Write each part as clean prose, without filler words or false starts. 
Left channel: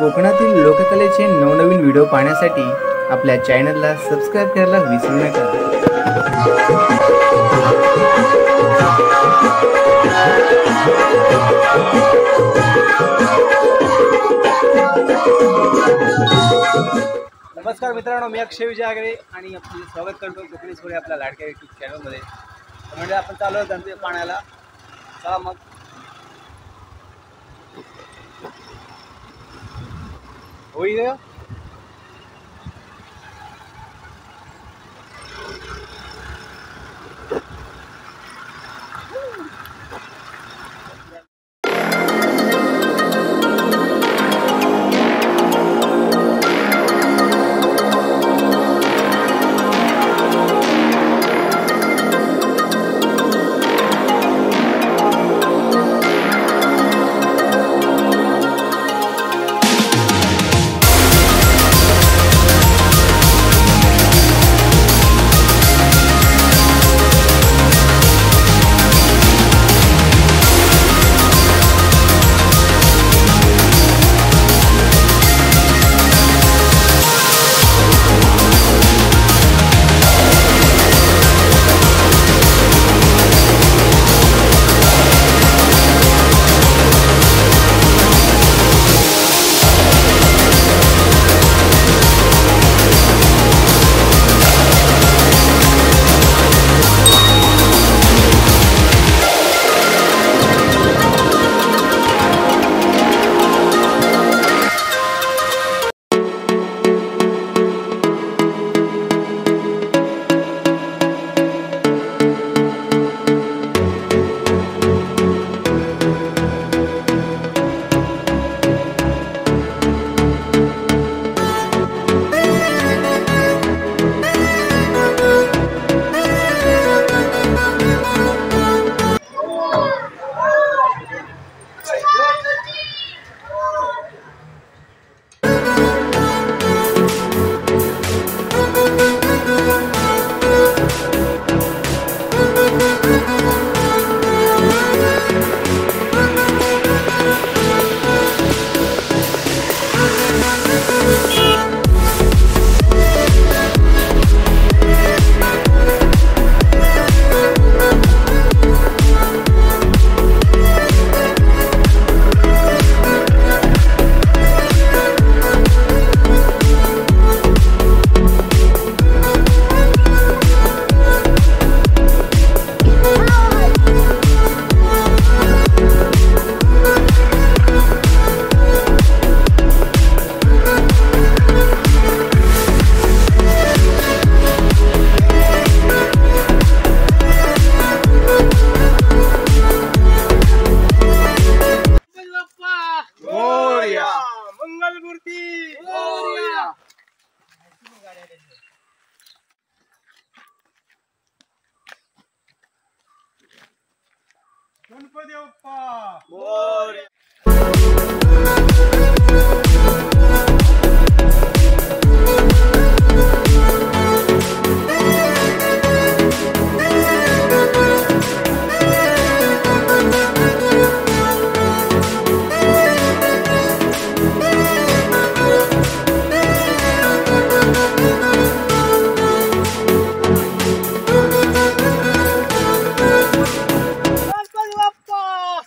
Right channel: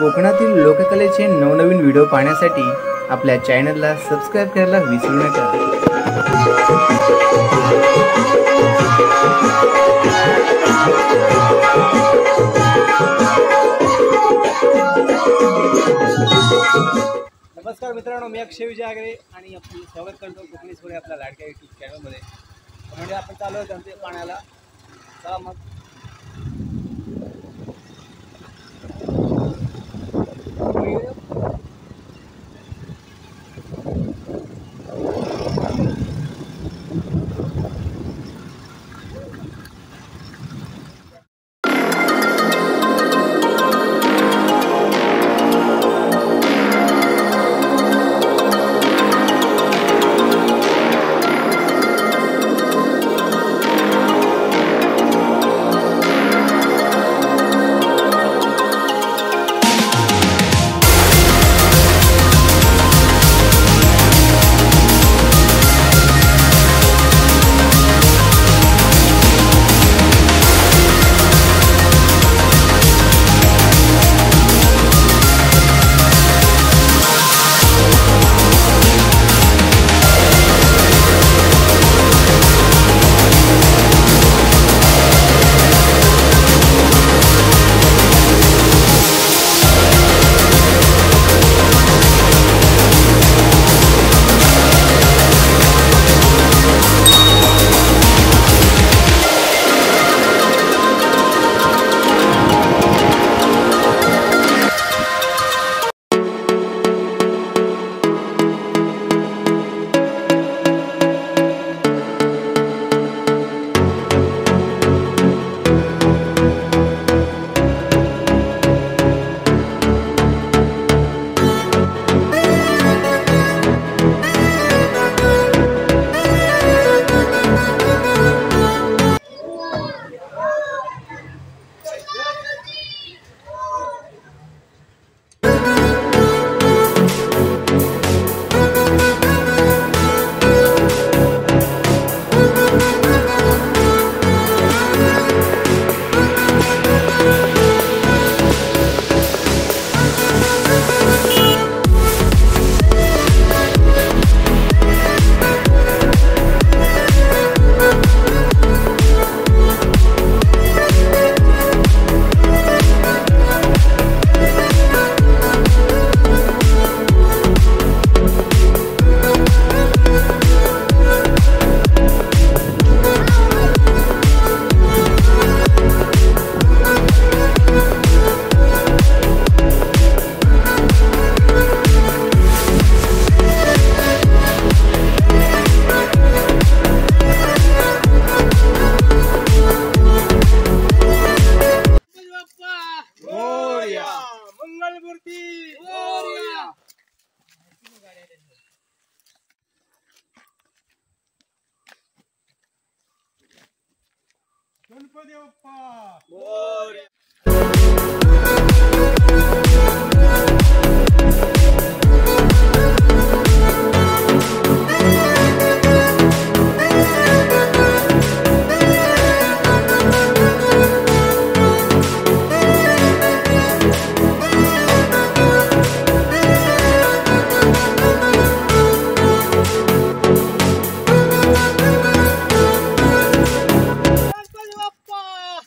कोकणातील लोककलेचे नवनवीन व्हिडिओ पाहण्यासाठी आपल्या चॅनलला सबस्क्राइब करायला विसरू नका। नमस्कार मित्रांनो, मी अक्षय विजय आगरे आणि आपलं स्वागत करतो कोकणी सोहळे आपल्या लाडक्या यूट्यूब चॅनलमध्ये। म्हणजे आपण चालू आहे गणपती पाण्याला। चला मग होईल। गणपती बाप्पा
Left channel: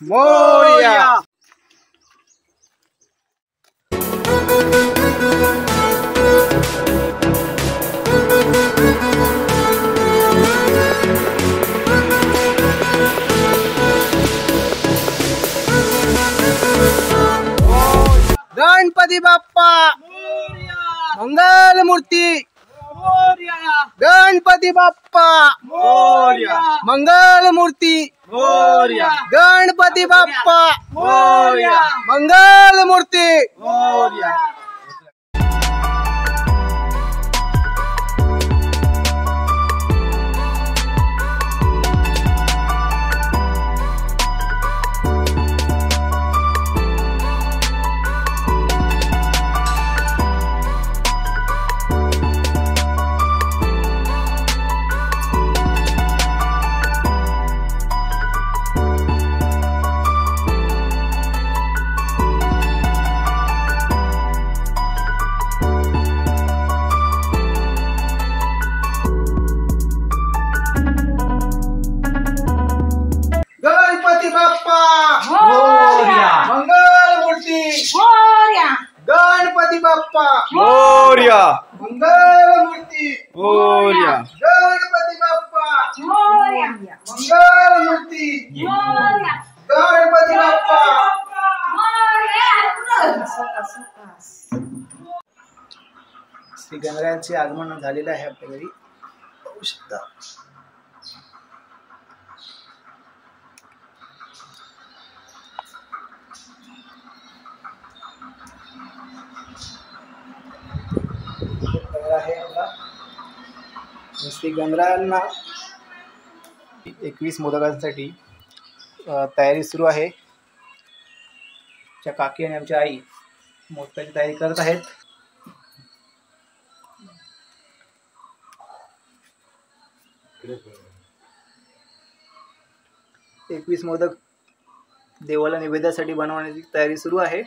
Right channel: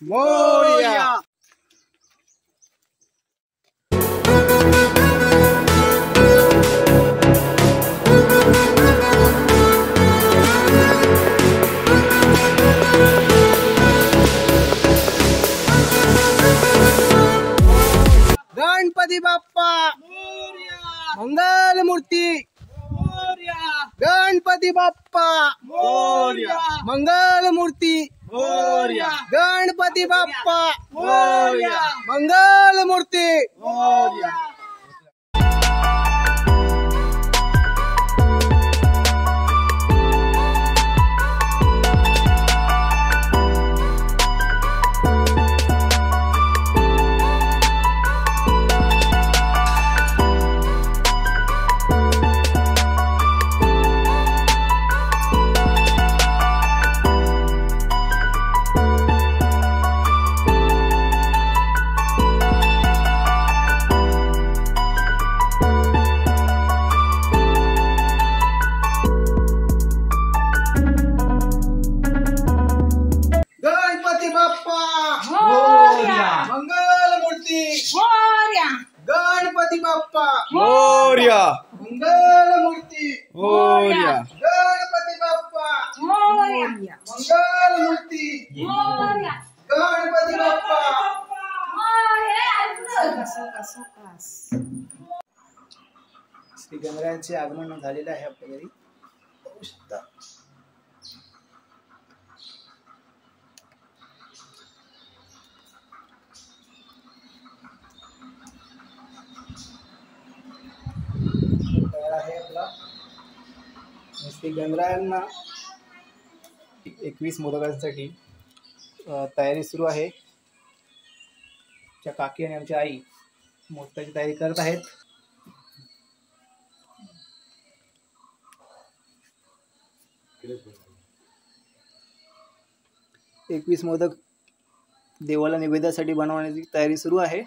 मोरया। गणपती बाप्पा मोरया। मंगल मूर्ती मोरया। गणपती बाप्पा मोरया। मंगल मूर्ती मोरया। गणपती बाप्पा मोरया। मंगल मूर्ती मोरया। बाप्पा मोरया मंगलमूर्ती मोरया गणपती बाप्पा मंगलमूर्ती गणपती बाप्पा श्री गणरायाचे आगमन झालेले आहे आपल्या घरी, पाहू शकता. तयार आहे आपला श्री गणरायांना 21 मोदकांसाठी तयारी सुरू आहे. आमच्या काकी आणि आमच्या आई मोदकाची तयारी करत आहेत. एकवीस मोदक देवाला निवेद्यासाठी बनवण्याची तयारी सुरू आहे.